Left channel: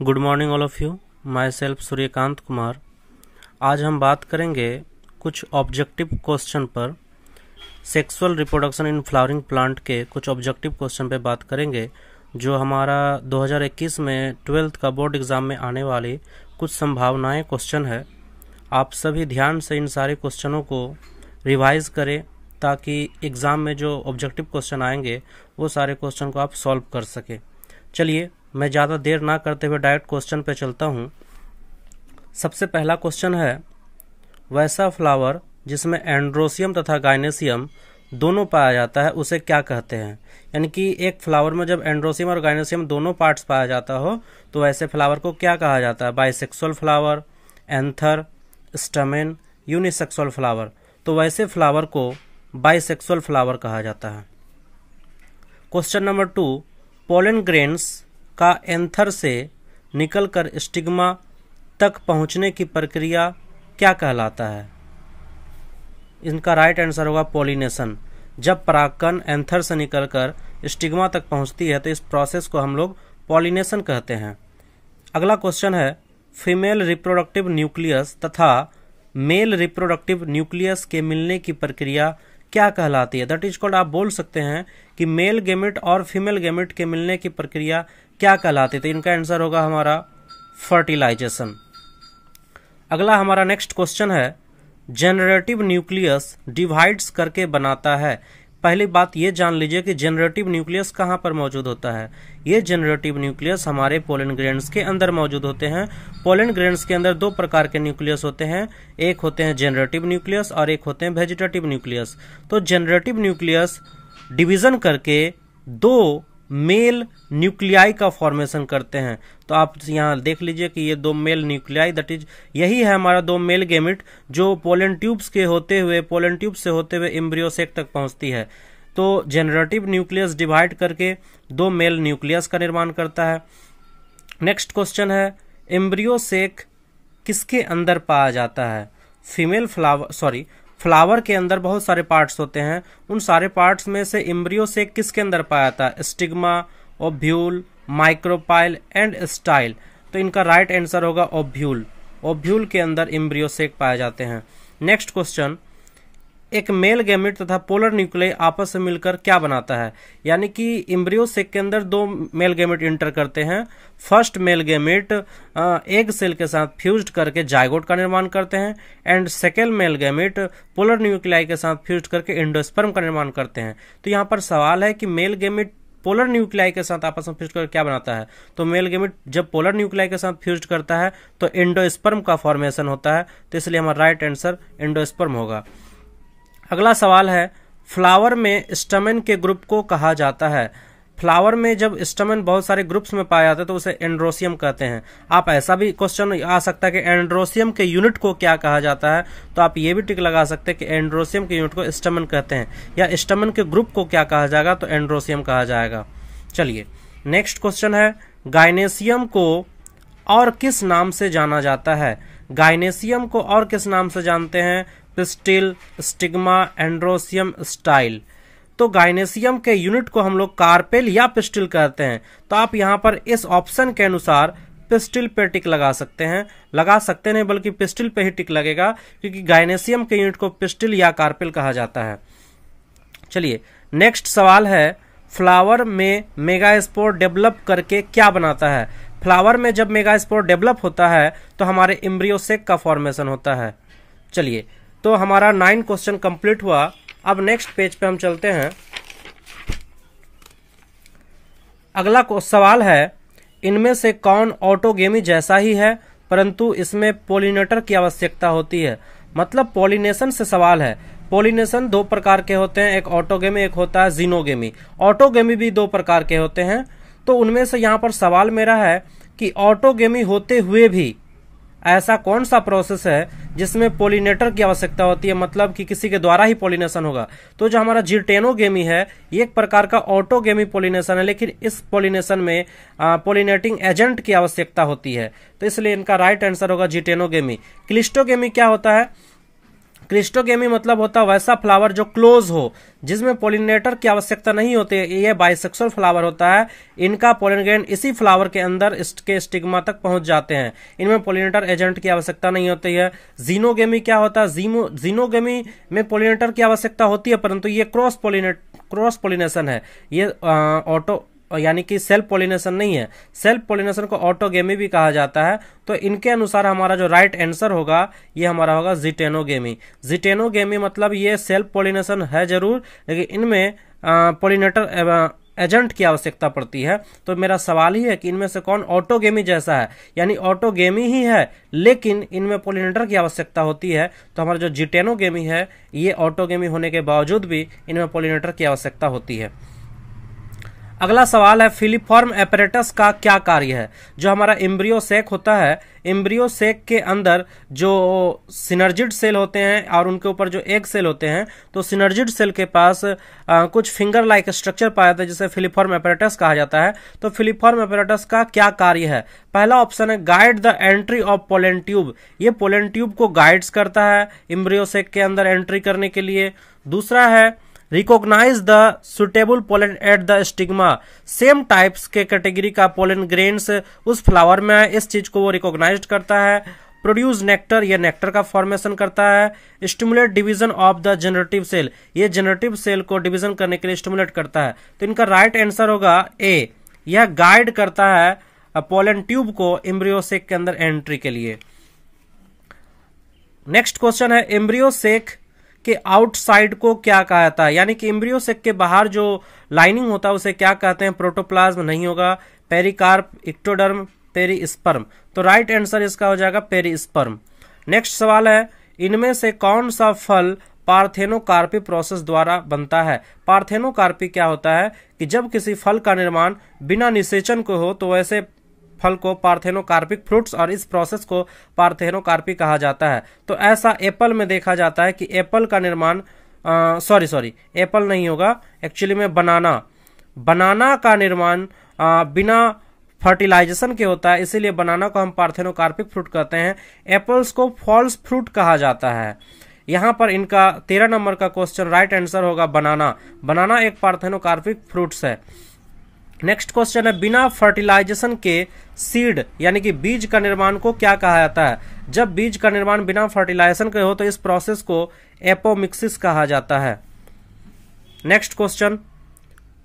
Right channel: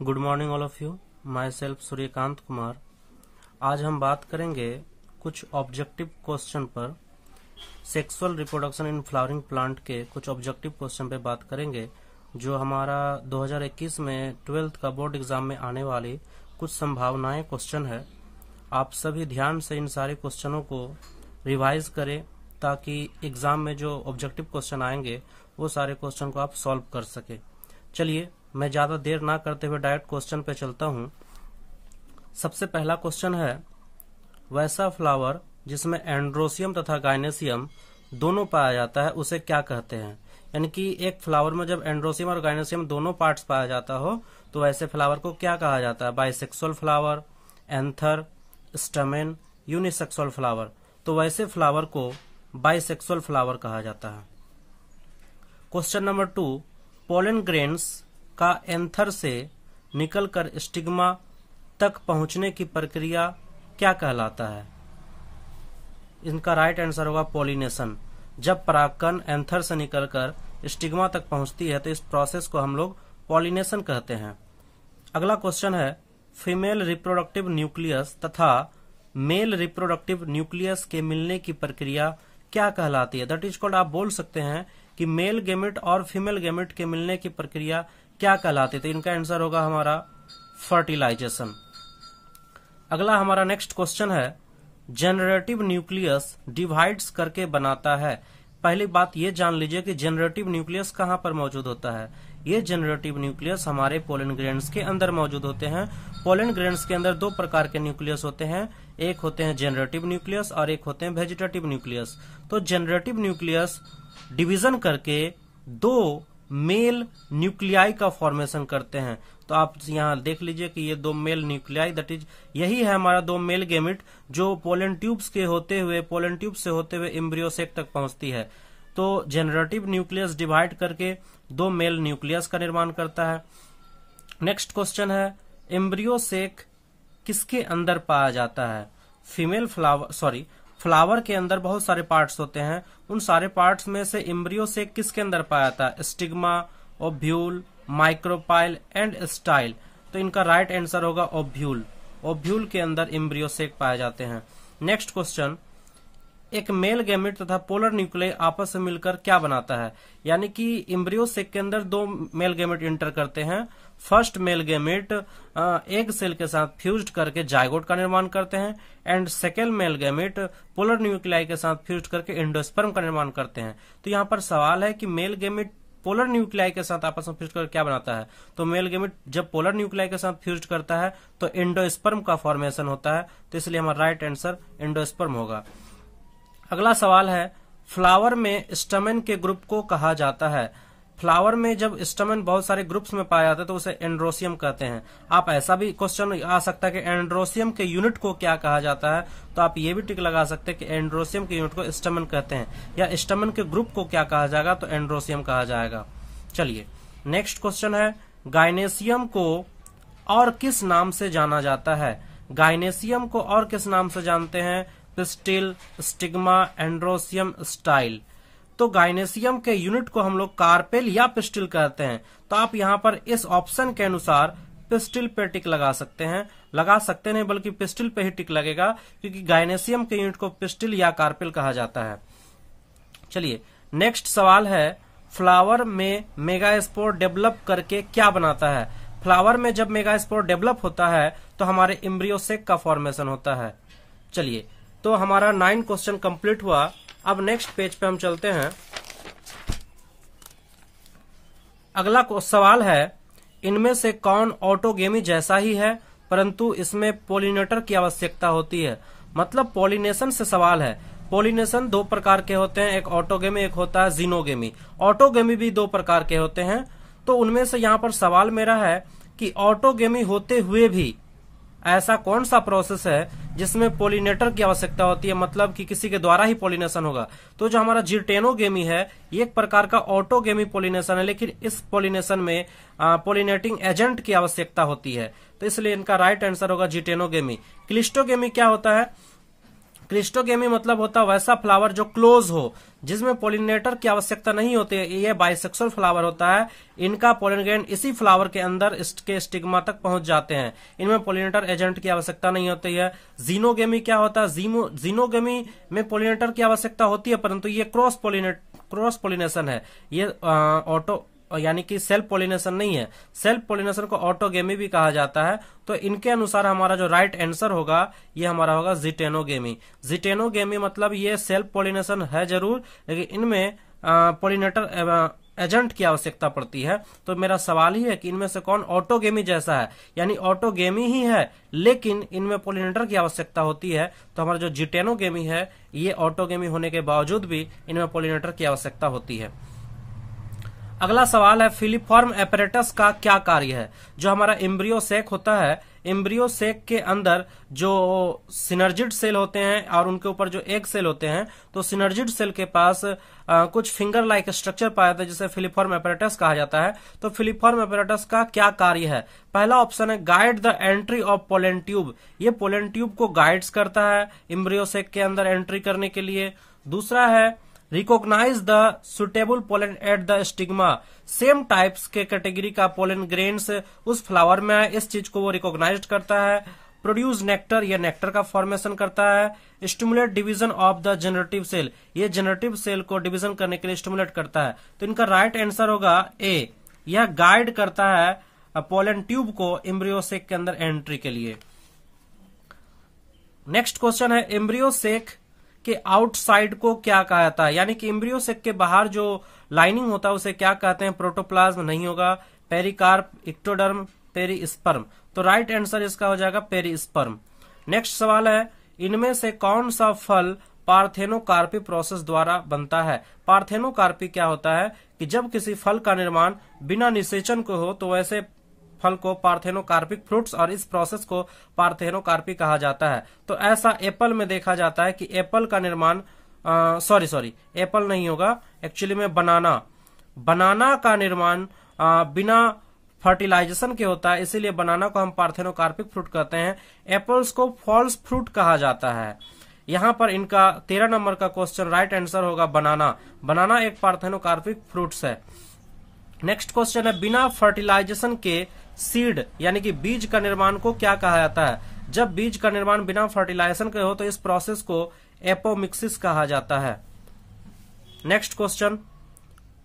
Good morning all of you. My self Suryakant Kumar. आज हम बात करेंगे कुछ ऑब्जेक्टिव क्वेश्चन पर, sexual reproduction in flowering plant के कुछ ऑब्जेक्टिव क्वेश्चन पे बात करेंगे जो हमारा 2021 में 12th का बोर्ड एग्जाम में आने वाली कुछ संभावनाएं क्वेश्चन है। आप सभी ध्यान से इन सारे क्वेश्चनों को रिवाइज करें ताकि एग्जाम में जो ऑब्जेक्टिव क्वेश्चन आएंगे वो सारे क्वेश्चन को आप सॉल्व कर सके। चलिए मैं ज़्यादा देर ना करते हुए डायरेक्ट क्वेश्चन पे चलता हूँ। सबसे पहला क्वेश्चन है, वैसा फ्लावर जिसमें एंड्रोसियम तथा गाइनेसियम दोनों पाया जाता है उसे क्या कहते हैं। यानी कि एक फ्लावर में जब एंड्रोसियम और गाइनेसियम दोनों पार्ट्स पाया जाता हो तो वैसे फ्लावर को क्या कहा जाता है। Bisexual flower, anther, stamen, unisexual flower. तो वैसे फ्लावर को बाइसेक्सुअल फ्लावर कहा जाता है। क्वेश्चन नंबर 2, पोलन ग्रेन्स का एंथर से निकलकर स्टिग्मा तक पहुंचने की प्रक्रिया क्या कहलाता है। इनका राइट आंसर होगा पॉलिनेशन। जब परागकण एंथर से निकलकर स्टिग्मा तक पहुंचती है तो इस प्रोसेस को हम लोग पॉलिनेशन कहते हैं। अगला क्वेश्चन है, फीमेल रिप्रोडक्टिव न्यूक्लियस तथा मेल रिप्रोडक्टिव न्यूक्लियस के मिलने की प्रक्रिया क्या कहलाती है। दैट इज कॉल्ड, आप बोल सकते हैं कि मेल गेमेट और फीमेल गेमेट के मिलने की प्रक्रिया क्या कहलाती है। तो इनका आंसर होगा हमारा फर्टिलाइजेशन। अगला हमारा नेक्स्ट क्वेश्चन है, जनरेटिव न्यूक्लियस डिवाइड्स करके बनाता है। पहली बात ये जान लीजिए कि जनरेटिव न्यूक्लियस कहाँ पर मौजूद होता है। ये जनरेटिव न्यूक्लियस हमारे पोलन ग्रेन्स के अंदर मौजूद होते हैं। पोलन ग्रेन्स के अंदर दो प्रकार के न्यूक्लियस होते हैं, एक होते हैं जनरेटिव न्यूक्लियस और एक होते हैं वेजिटेटिव न्यूक्लियस। तो जनरेटिव न्यूक्लियस डिवीजन करके दो मेल न्यूक्लियाई का फॉर्मेशन करते हैं। तो आप यहाँ देख लीजिए कि ये दो मेल न्यूक्लियाई, दैट इज यही है हमारा दो मेल गेमिट जो पोलन ट्यूब्स के होते हुए, पोलन ट्यूब से होते हुए एम्ब्रियो सेक तक पहुंचती है। तो जनरेटिव न्यूक्लियस डिवाइड करके दो मेल न्यूक्लियस का निर्माण करता है। नेक्स्ट क्वेश्चन है, एम्ब्रियो सेक किसके अंदर पाया जाता है। फीमेल फ्लावर के अंदर बहुत सारे पार्ट्स होते हैं, उन सारे पार्ट्स में से एम्ब्रियो सेक किसके अंदर पाया जाता है। Stigma, ovule, micropyle and style. तो इनका राइट आंसर होगा ओव्यूल। ओव्यूल के अंदर एम्ब्रियो सेक पाए जाते हैं। नेक्स्ट क्वेश्चन, एक मेल गेमेट तथा पोलर न्यूक्लियाई आपस में मिलकर क्या बनाता है। यानी कि एम्ब्रियो सेक के अंदर दो मेल गेमेट इंटर करते हैं। First male gamete egg cell के साथ फ्यूज्ड करके जायगोट का निर्माण करते हैं and second male gamete polar nuclei के साथ फ्यूज्ड करके एंडोस्पर्म का निर्माण करते हैं। तो यहाँ पर सवाल है कि मेल गेमेट पोलर न्यूक्लियाई के साथ आपस में फ्यूज कर क्या बनाता है। तो मेल गेमेट जब पोलर न्यूक्लियाई के साथ फ्यूज करता है तो एंडोस्पर्म का फॉर्मेशन होता है। तो इसलिए हमारा राइट आंसर एंडोस्पर्म होगा। अगला सवाल है, फ्लावर में स्टमेन के ग्रुप को कहा जाता है। फ्लावर में जब स्टमेन बहुत सारे ग्रुप्स में पाया जाता है तो उसे एंड्रोसियम कहते हैं। आप ऐसा भी क्वेश्चन आ सकता है कि एंड्रोसियम के यूनिट को क्या कहा जाता है। तो आप ये भी टिक लगा सकते हैं कि एंड्रोसियम के यूनिट को स्टमेन कहते हैं, या स्टमेन के ग्रुप को क्या कहा जाएगा तो एंड्रोसियम कहा जाएगा। चलिए नेक्स्ट क्वेश्चन है, गाइनेसियम को और किस नाम से जाना जाता है। गाइनेसियम को और किस नाम से जानते हैं। Pistil, stigma, androecium, style. तो गाइनेसियम के यूनिट को हम लोग कार्पेल या पिस्टिल कहते हैं। तो आप यहाँ पर इस ऑप्शन के अनुसार पिस्टिल पे टिक लगा सकते हैं, लगा सकते नहीं बल्कि पिस्टिल पे ही टिक लगेगा क्योंकि गाइनेसियम के यूनिट को पिस्टिल या कार्पेल कहा जाता है। चलिए नेक्स्ट सवाल है, फ्लावर में मेगास्पोर डेवलप करके क्या बनाता है। फ्लावर में जब मेगास्पोर डेवलप होता है तो हमारे एम्ब्रियो सेक का फॉर्मेशन होता है। चलिए तो हमारा 9 क्वेश्चन कंप्लीट हुआ। अब नेक्स्ट पेज पे हम चलते हैं। अगला सवाल है, इनमें से कौन ऑटोगेमी जैसा ही है परंतु इसमें पोलिनेटर की आवश्यकता होती है। मतलब पॉलिनेशन से सवाल है। पॉलिनेशन दो प्रकार के होते हैं, एक ऑटोगेमी एक होता है जीनोगेमी। ऑटोगेमी भी दो प्रकार के होते हैं। तो उनमें से यहाँ पर सवाल मेरा है कि ऑटोगेमी होते हुए भी ऐसा कौन सा प्रोसेस है जिसमें पोलिनेटर की आवश्यकता होती है, मतलब कि किसी के द्वारा ही पोलिनेशन होगा। तो जो हमारा जिटेनोगेमी है ये एक प्रकार का ऑटोगेमी पोलिनेशन है, लेकिन इस पोलिनेशन में पोलिनेटिंग एजेंट की आवश्यकता होती है। तो इसलिए इनका राइट आंसर होगा जिटेनोगेमी। क्लिस्टोगेमी क्या होता है, क्रिस्टोगेमी मतलब होता है वैसा फ्लावर जो क्लोज हो, जिसमें पोलिनेटर की आवश्यकता नहीं होती है। ये बाइसेक्सुअल फ्लावर होता है। इनका पोलन ग्रेन इसी फ्लावर के अंदर इसके स्टिग्मा तक पहुंच जाते हैं। इनमें पोलिनेटर एजेंट की आवश्यकता नहीं होती है। जीनोगेमी क्या होता है? जीनोगेमी में पोलिनेटर की आवश्यकता होती है, परंतु ये क्रॉस पोलिनेशन है। ये ऑटो यानी कि सेल्फ पोलिनेशन नहीं है। सेल्फ पोलिनेशन को ऑटोगेमी भी कहा जाता है। तो इनके अनुसार हमारा जो राइट आंसर होगा ये हमारा होगा जिटेनोगेमी। जिटेनोगेमी मतलब ये सेल्फ पोलिनेशन है जरूर, लेकिन इनमें पोलिनेटर एजेंट की आवश्यकता पड़ती है। तो मेरा सवाल ही है कि इनमें से कौन ऑटोगेमी जैसा है, यानी ऑटोगेमी ही है लेकिन इनमें पोलिनेटर की आवश्यकता होती है। तो हमारा जो जिटेनोगेमी है ये ऑटोगेमी होने के बावजूद भी इनमें पोलिनेटर की आवश्यकता होती है। अगला सवाल है फिलीफॉर्म एपरेटस का क्या कार्य है? जो हमारा एम्ब्रियो सेक होता है, एम्ब्रियो सेक के अंदर जो सिनर्जिड सेल होते हैं और उनके ऊपर जो एग सेल होते हैं, तो सिनर्जिड सेल के पास कुछ फिंगर लाइक स्ट्रक्चर पाया जाता है जिसे फिलीफॉर्म एपरेटस कहा जाता है। तो फिलीफॉर्म एपरेटस का क्या कार्य है? पहला ऑप्शन है guide the entry of pollen tube. ये पोलन ट्यूब को गाइड्स करता है एम्ब्रियो सेक के अंदर एंट्री करने के लिए। दूसरा है recognise the suitable pollen at the stigma. Same types के कैटेगरी का पोलन ग्रेन्स उस फ्लावर में है, इस चीज को वो रिकॉग्नाइज करता है। प्रोड्यूस नेक्टर, ये नेक्टर का फॉर्मेशन करता है। Stimulate division of the generative cell, ये जनरेटिव सेल को डिवीजन करने के लिए स्टिमुलेट करता है। तो इनका राइट आंसर होगा ए, यह गाइड करता है पोलन ट्यूब को एम्ब्रियो सेक के अंदर एंट्री के लिए। नेक्स्ट क्वेश्चन है एम्ब्रियो सेक के आउटसाइड को क्या कहा जाता है? यानी कि एम्ब्रियो सेक के बाहर जो लाइनिंग होता है उसे क्या कहते हैं? प्रोटोप्लाज्म नहीं होगा, पेरिकार्प, इक्टोडर्म, पेरिस्पर्म। तो राइट आंसर इसका हो जाएगा पेरिस्पर्म। नेक्स्ट सवाल है इनमें से कौन सा फल पार्थेनोकार्पी प्रोसेस द्वारा बनता है? पार्थेनोकार्पी क्या होता है कि जब किसी फल का निर्माण बिना निषेचन को हो तो वैसे फल को पार्थेनोकार्पिक फ्रूट्स और इस प्रोसेस को पार्थेनोकार्पी कहा जाता है। तो ऐसा एप्पल में देखा जाता है कि एप्पल का निर्माण एप्पल नहीं होगा, एक्चुअली में बनाना का निर्माण बिना फर्टिलाइजेशन के होता है, इसीलिए बनाना को हम पार्थेनोकार्पिक फ्रूट कहते हैं। एप्पल्स को फॉल्स फ्रूट कहा जाता है। यहां पर इनका 13 नंबर का क्वेश्चन राइट आंसर होगा बनाना एक पार्थेनोकार्पिक फ्रूट्स है। नेक्स्ट क्वेश्चन है बिना फर्टिलाइजेशन के सीड यानी कि बीज का निर्माण को क्या कहा जाता है? जब बीज का निर्माण बिना फर्टिलाइजेशन के हो तो इस प्रोसेस को एपोमिक्सिस कहा जाता है। नेक्स्ट क्वेश्चन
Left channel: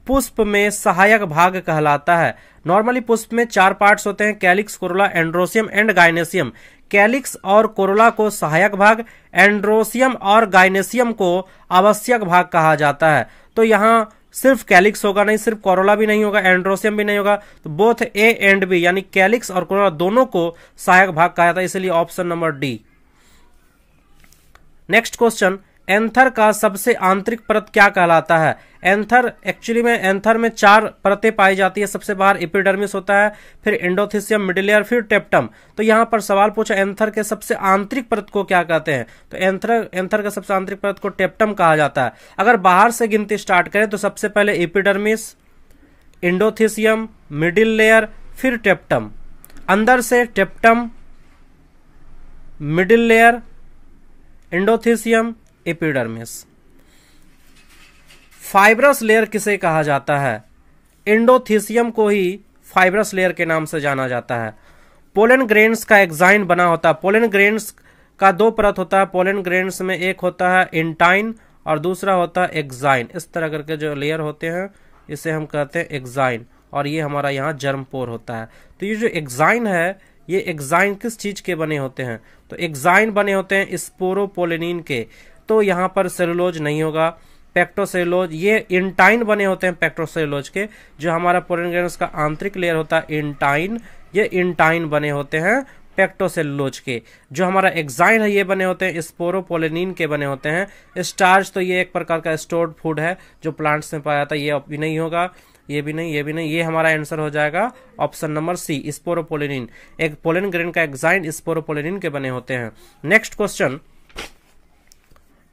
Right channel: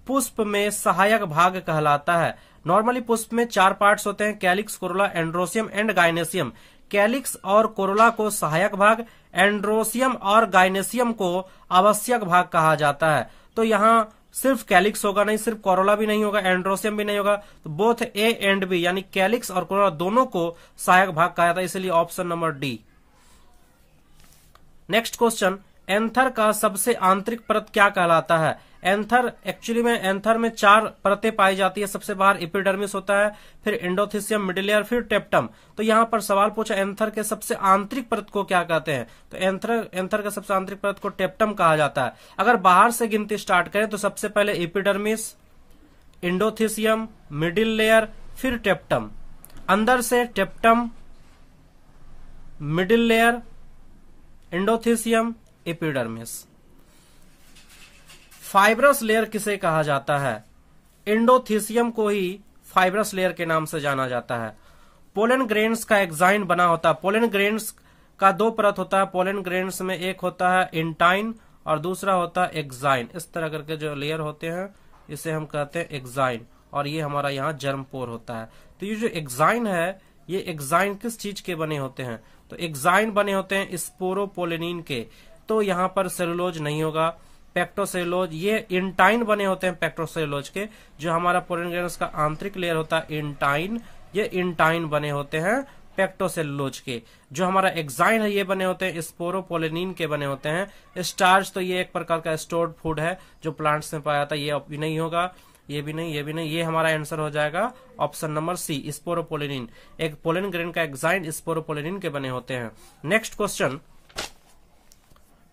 पुष्प में सहायक भाग कहलाता है। नॉर्मली पुष्प में 4 पार्ट्स होते हैं, calyx, corolla, androecium and gynoecium. Calyx और कोरोला को सहायक भाग, एंड्रोसियम और गाइनेसियम को आवश्यक भाग कहा जाता है। तो यहाँ सिर्फ कैलिक्स होगा नहीं, सिर्फ कोरोला भी नहीं होगा, एंड्रोसियम भी नहीं होगा, तो बोथ ए एंड बी यानी कैलिक्स और कोरोला दोनों को सहायक भाग कहा जाता है, इसलिए option number D. Next question anther का सबसे आंतरिक परत क्या कहलाता है? एंथर एक्चुअली में एंथर में 4 परतें पाई जाती है। सबसे बाहर एपिडर्मिस होता है, फिर एंडोथीसियम, मिडिल लेयर, फिर टेप्टम। तो यहां पर सवाल पूछा एंथर के सबसे आंतरिक परत को क्या कहते हैं? तो एंथर का सबसे आंतरिक परत को टेप्टम कहा जाता है। अगर बाहर से गिनती स्टार्ट करें तो सबसे पहले एपिडर्मिस, एंडोथीसियम, मिडिल लेयर, फिर टेप्टम। अंदर से टेप्टम, middle layer, endothecium, epidermis. Fibrous layer किसे कहा जाता है? एंडोथीसियम को ही फाइब्रस लेयर के नाम से जाना जाता है। पोलन ग्रेन्स का एक्साइन बना होता है। पोलन ग्रेन्स का 2 परत होता है। पोलन ग्रेन्स में एक होता है इंटाइन और दूसरा होता है एक्साइन। इस तरह करके जो लेयर होते हैं इसे हम कहते हैं एक्साइन, और ये हमारा यहाँ जर्मपोर होता है। तो ये जो एक्साइन है, ये एक्साइन किस चीज के बने होते हैं? तो एक्साइन बने होते हैं स्पोरोपोलिनिन के। तो यहाँ पर सेलुलोज नहीं होगा, पेक्टोसेलुलोज। ये इंटाइन बने होते हैं पेक्टोसेलुलोज के। जो हमारा पोलन ग्रेन्स का आंतरिक लेयर होता है इंटाइन, ये इंटाइन बने होते हैं पेक्टोसेलुलोज के। जो हमारा एक्साइन है ये बने होते हैं स्पोरोपोलिनिन के बने होते हैं। स्टार्च तो ये एक प्रकार का स्टोर्ड फूड है जो प्लांट्स में पाया जाता है, ये भी नहीं होगा, ये भी नहीं, ये भी नहीं। ये हमारा आंसर हो जाएगा ऑप्शन नंबर सी स्पोरोपोलिनिन। एक पोलन ग्रेन का एक्साइन स्पोरोपोलिनिन के बने होते हैं। Next question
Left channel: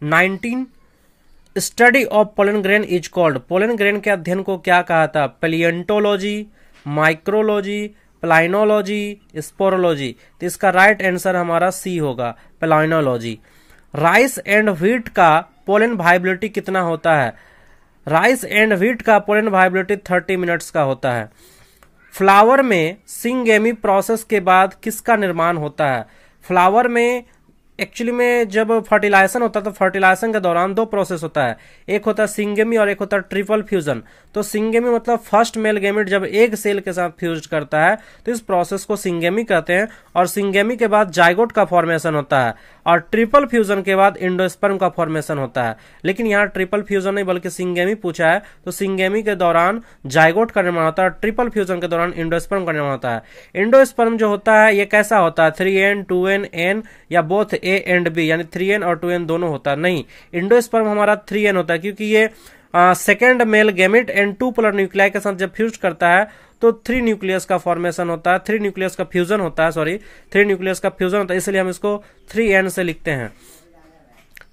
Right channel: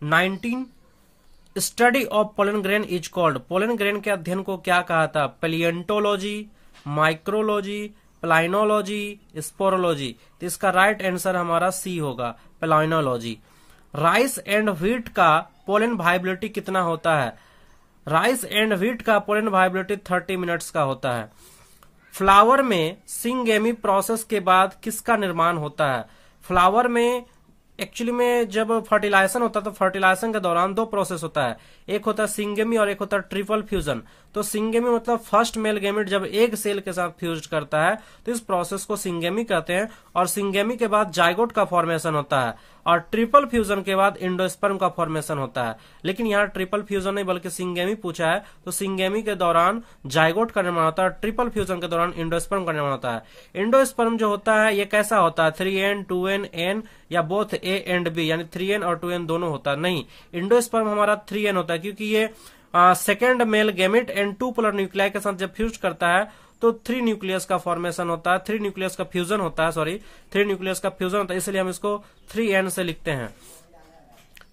19 study of pollen grain is called. Pollen grain के अध्ययन को क्या कहा था? पैलिएंटोलॉजी, माइक्रोलॉजी, प्लाइनोलॉजी, स्पोरोलॉजी। तो इसका राइट आंसर हमारा सी होगा पैलिएंटोलॉजी। राइस एंड व्हीट का पोलन वाइबिलिटी कितना होता है? राइस एंड व्हीट का पोलन वाइबिलिटी 30 मिनट्स का होता है। फ्लावर में सिंगेमी प्रोसेस के बाद किसका निर्माण होता है? फ्लावर में एक्चुअली में जब फर्टिलाइजेशन होता है तो फर्टिलाइजेशन के दौरान दो प्रोसेस होता है, एक होता है सिंगेमी और एक होता है ट्रिपल फ्यूजन। तो सिंगेमी मतलब फर्स्ट मेल गैमेट जब एक सेल के साथ फ्यूज करता है तो इस प्रोसेस को सिंगेमी कहते हैं, और सिंगेमी के बाद जाइगोट का फॉर्मेशन होता है, और ट्रिपल फ्यूजन के बाद इंडोस्पर्म का फॉर्मेशन होता है। लेकिन यहाँ ट्रिपल फ्यूजन नहीं बल्कि सिंगेमी पूछा है, तो सिंगेमी के दौरान जाइगोट का निर्माण होता है, ट्रिपल फ्यूजन के दौरान इंडोस्पर्म का निर्माण होता है। इंडोस्पर्म जो होता है ये कैसा होता है? 3n 2n n या बोथ A एंड B, यानी 3n और 2n दोनों होता है? नहीं, इंडोस्पर्म हमारा 3n होता है, क्योंकि ये second male gamete and 2 polar nuclei के साथ जब फ्यूज करता है तो 3 न्यूक्लियस का फॉर्मेशन होता है, 3 न्यूक्लियस का फ्यूजन होता है, 3 न्यूक्लियस का फ्यूजन होता है, इसलिए हम इसको 3n से लिखते हैं।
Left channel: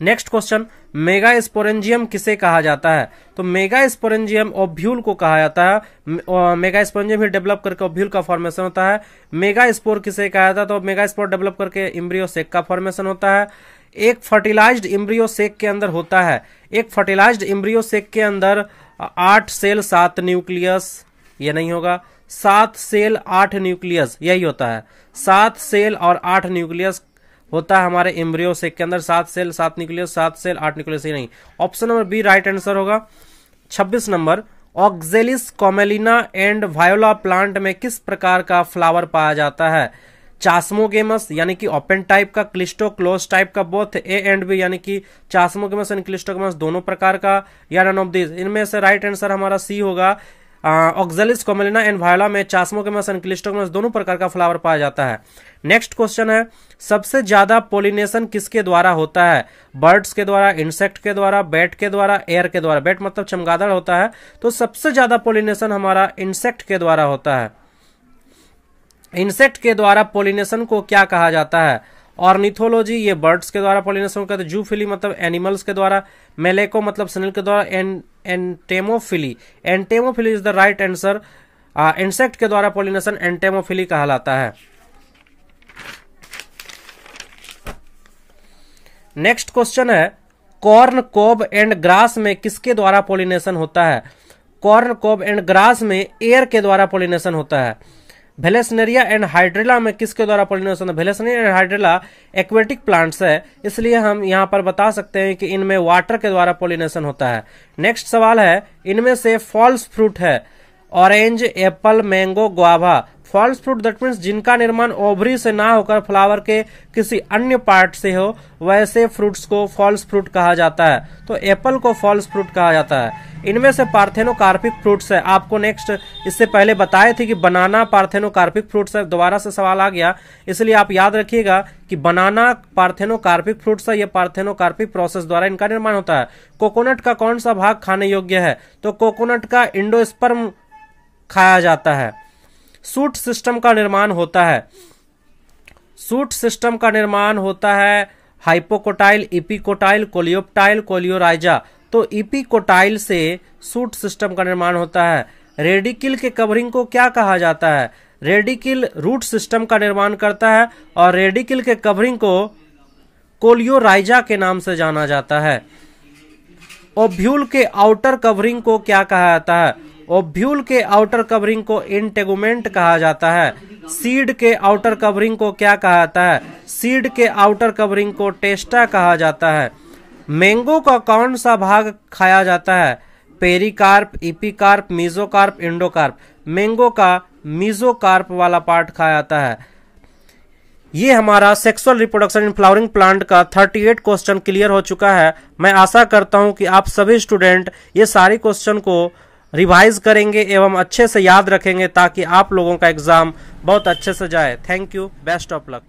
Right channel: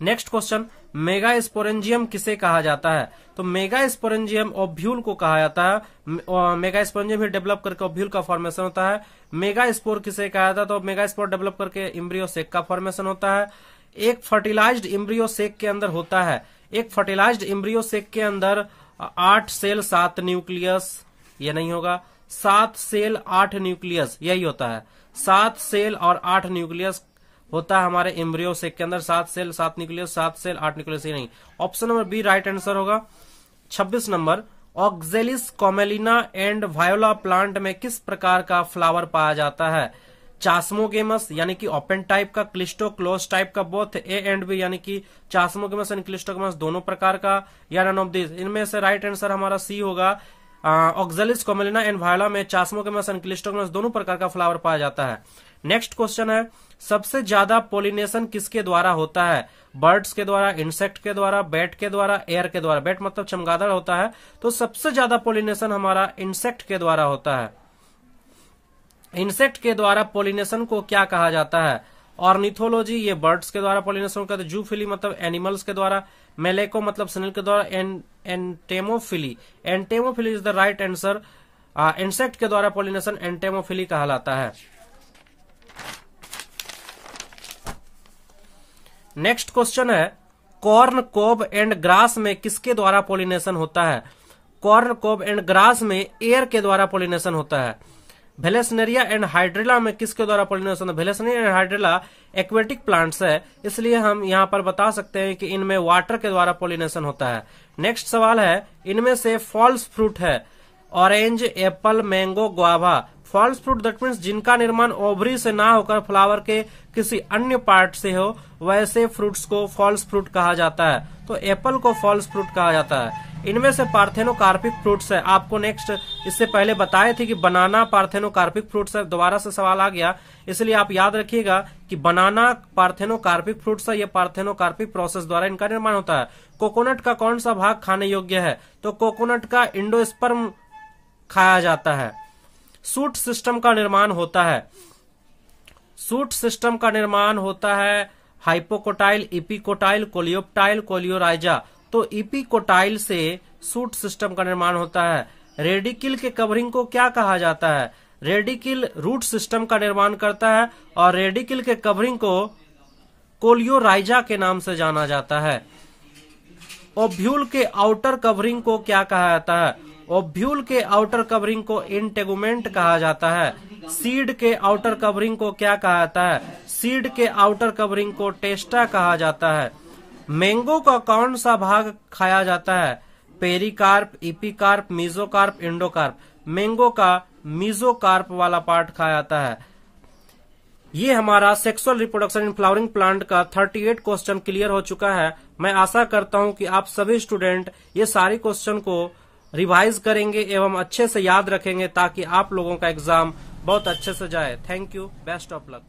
नेक्स्ट क्वेश्चन, मेगा स्पोरेंजियम किसे कहा जाता है? तो मेगा स्पोरेंजियम ओव्यूल को कहा जाता है। मेगा स्पोरेंजियम ही डेवलप करके ओव्यूल का फॉर्मेशन होता है। मेगा स्पोर किसे कहा जाता है? तो मेगा स्पोर डेवलप करके एम्ब्रियो सेक का फॉर्मेशन होता है। एक फर्टिलाइज्ड एम्ब्रियो सेक के अंदर होता है, एक फर्टिलाइज्ड एम्ब्रियो सेक के अंदर 8 सेल 7 न्यूक्लियस, ये नहीं होगा, 7 सेल 8 न्यूक्लियस, यही होता है। 7 सेल और 8 न्यूक्लियस होता है हमारे एम्ब्रियो सेक के अंदर, 7 सेल 7 न्यूक्लियस, 7 सेल 8 न्यूक्लियस, ही नहीं। Option number B right answer होगा। 26 number, Oxalis Commelina and Viola plant में किस प्रकार का फ्लावर पाया जाता है? चास्मोगेमस यानी कि ओपन टाइप का, क्लिस्टो क्लोज टाइप का, बोथ ए एंड बी यानी कि चास्मोगेमस एंड क्लिस्टोगेमस दोनों प्रकार का, या नन ऑफ दिस। इनमें से राइट आंसर हमारा सी होगा। ऑक्जेलिस कॉमेलिना एंड वायोला में चास्मोगेमस एंड क्लिस्टोगेमस दोनों प्रकार का फ्लावर पाया जाता है। नेक्स्ट क्वेश्चन है, सबसे ज्यादा पोलिनेशन किसके द्वारा होता है? बर्ड्स के द्वारा, इंसेक्ट के द्वारा, बैट के द्वारा, एयर के द्वारा। बैट मतलब चमगादड़ होता है, तो सबसे ज्यादा पोलिनेशन हमारा इंसेक्ट के द्वारा होता है। इंसेक्ट के द्वारा पोलिनेशन को क्या कहा जाता है? ऑर्निथोलॉजी, ये बर्ड्स के द्वारा पोलिनेशन करते हैं। जूफिली मतलब एनिमल्स के द्वारा। मेलेको मतलब स्नेल के द्वारा। Entomophily, entomophily is the right answer. Insect के द्वारा पोलिनेशन एंटेमोफिली कहलाता है। नेक्स्ट क्वेश्चन है, कॉर्न कोब एंड ग्रास में किसके द्वारा पोलिनेशन होता है? कॉर्न कोब एंड ग्रास में एयर के द्वारा पोलिनेशन होता है। वेलेस्नेरिया एंड हाइड्रेला में किसके द्वारा पोलिनेशन है? वेलेस्नेरिया एंड हाइड्रेला एक्वेटिक प्लांट्स है, इसलिए हम यहां पर बता सकते हैं कि इनमें वाटर के द्वारा पोलिनेशन होता है। नेक्स्ट सवाल है, इनमें से फॉल्स फ्रूट है orange, apple, mango, guava. False fruit that means जिनका निर्माण ओवरी से ना होकर फ्लावर के किसी अन्य पार्ट से हो, वैसे फ्रूट्स को फॉल्स फ्रूट कहा जाता है। तो एप्पल को फॉल्स फ्रूट कहा जाता है। इनमें से पार्थेनोकार्पिक फ्रूट्स है। आपको नेक्स्ट इससे पहले बताए थे कि बनाना पार्थेनोकार्पिक फ्रूट्स है, दोबारा से सवाल आ गया, इसलिए आप याद रखिएगा कि बनाना पार्थेनोकार्पिक फ्रूट्स है। ये पार्थेनोकार्पिक प्रोसेस द्वारा इनका निर्माण होता है। कोकोनट का कौन सा भाग खाने योग्य है? तो कोकोनट का इंडोस्पर्म खाया जाता है। सूट सिस्टम का निर्माण होता है। सूट सिस्टम का निर्माण होता है हाइपोकोटाइल, इपिकोटाइल, कोलियोप्टाइल, कोलियोराइजा। तो इपिकोटाइल से सूट सिस्टम का निर्माण होता है। रेडिकिल के कवरिंग को क्या कहा जाता है? रेडिकिल रूट सिस्टम का निर्माण करता है, और रेडिकिल के कवरिंग को कोलियोराइजा के नाम से जाना जाता है। ओव्यूल के आउटर कवरिंग को क्या कहा जाता है? ओव्यूल के आउटर कवरिंग को इंटेगुमेंट कहा जाता है। सीड के आउटर कवरिंग को क्या कहा जाता है? सीड के आउटर कवरिंग को टेस्टा कहा जाता है। मैंगो का कौन सा भाग खाया जाता है? Pericarp, epicarp, mesocarp, endocarp. Mango का मीजोकार्प वाला पार्ट खाया जाता है। ये हमारा sexual reproduction in flowering plant का 38 क्वेश्चन क्लियर हो चुका है। मैं आशा करता हूं कि आप सभी स्टूडेंट ये सारे क्वेश्चन को रिवाइज करेंगे एवं अच्छे से याद रखेंगे, ताकि आप लोगों का एग्जाम बहुत अच्छे से जाए। Thank you, best of luck.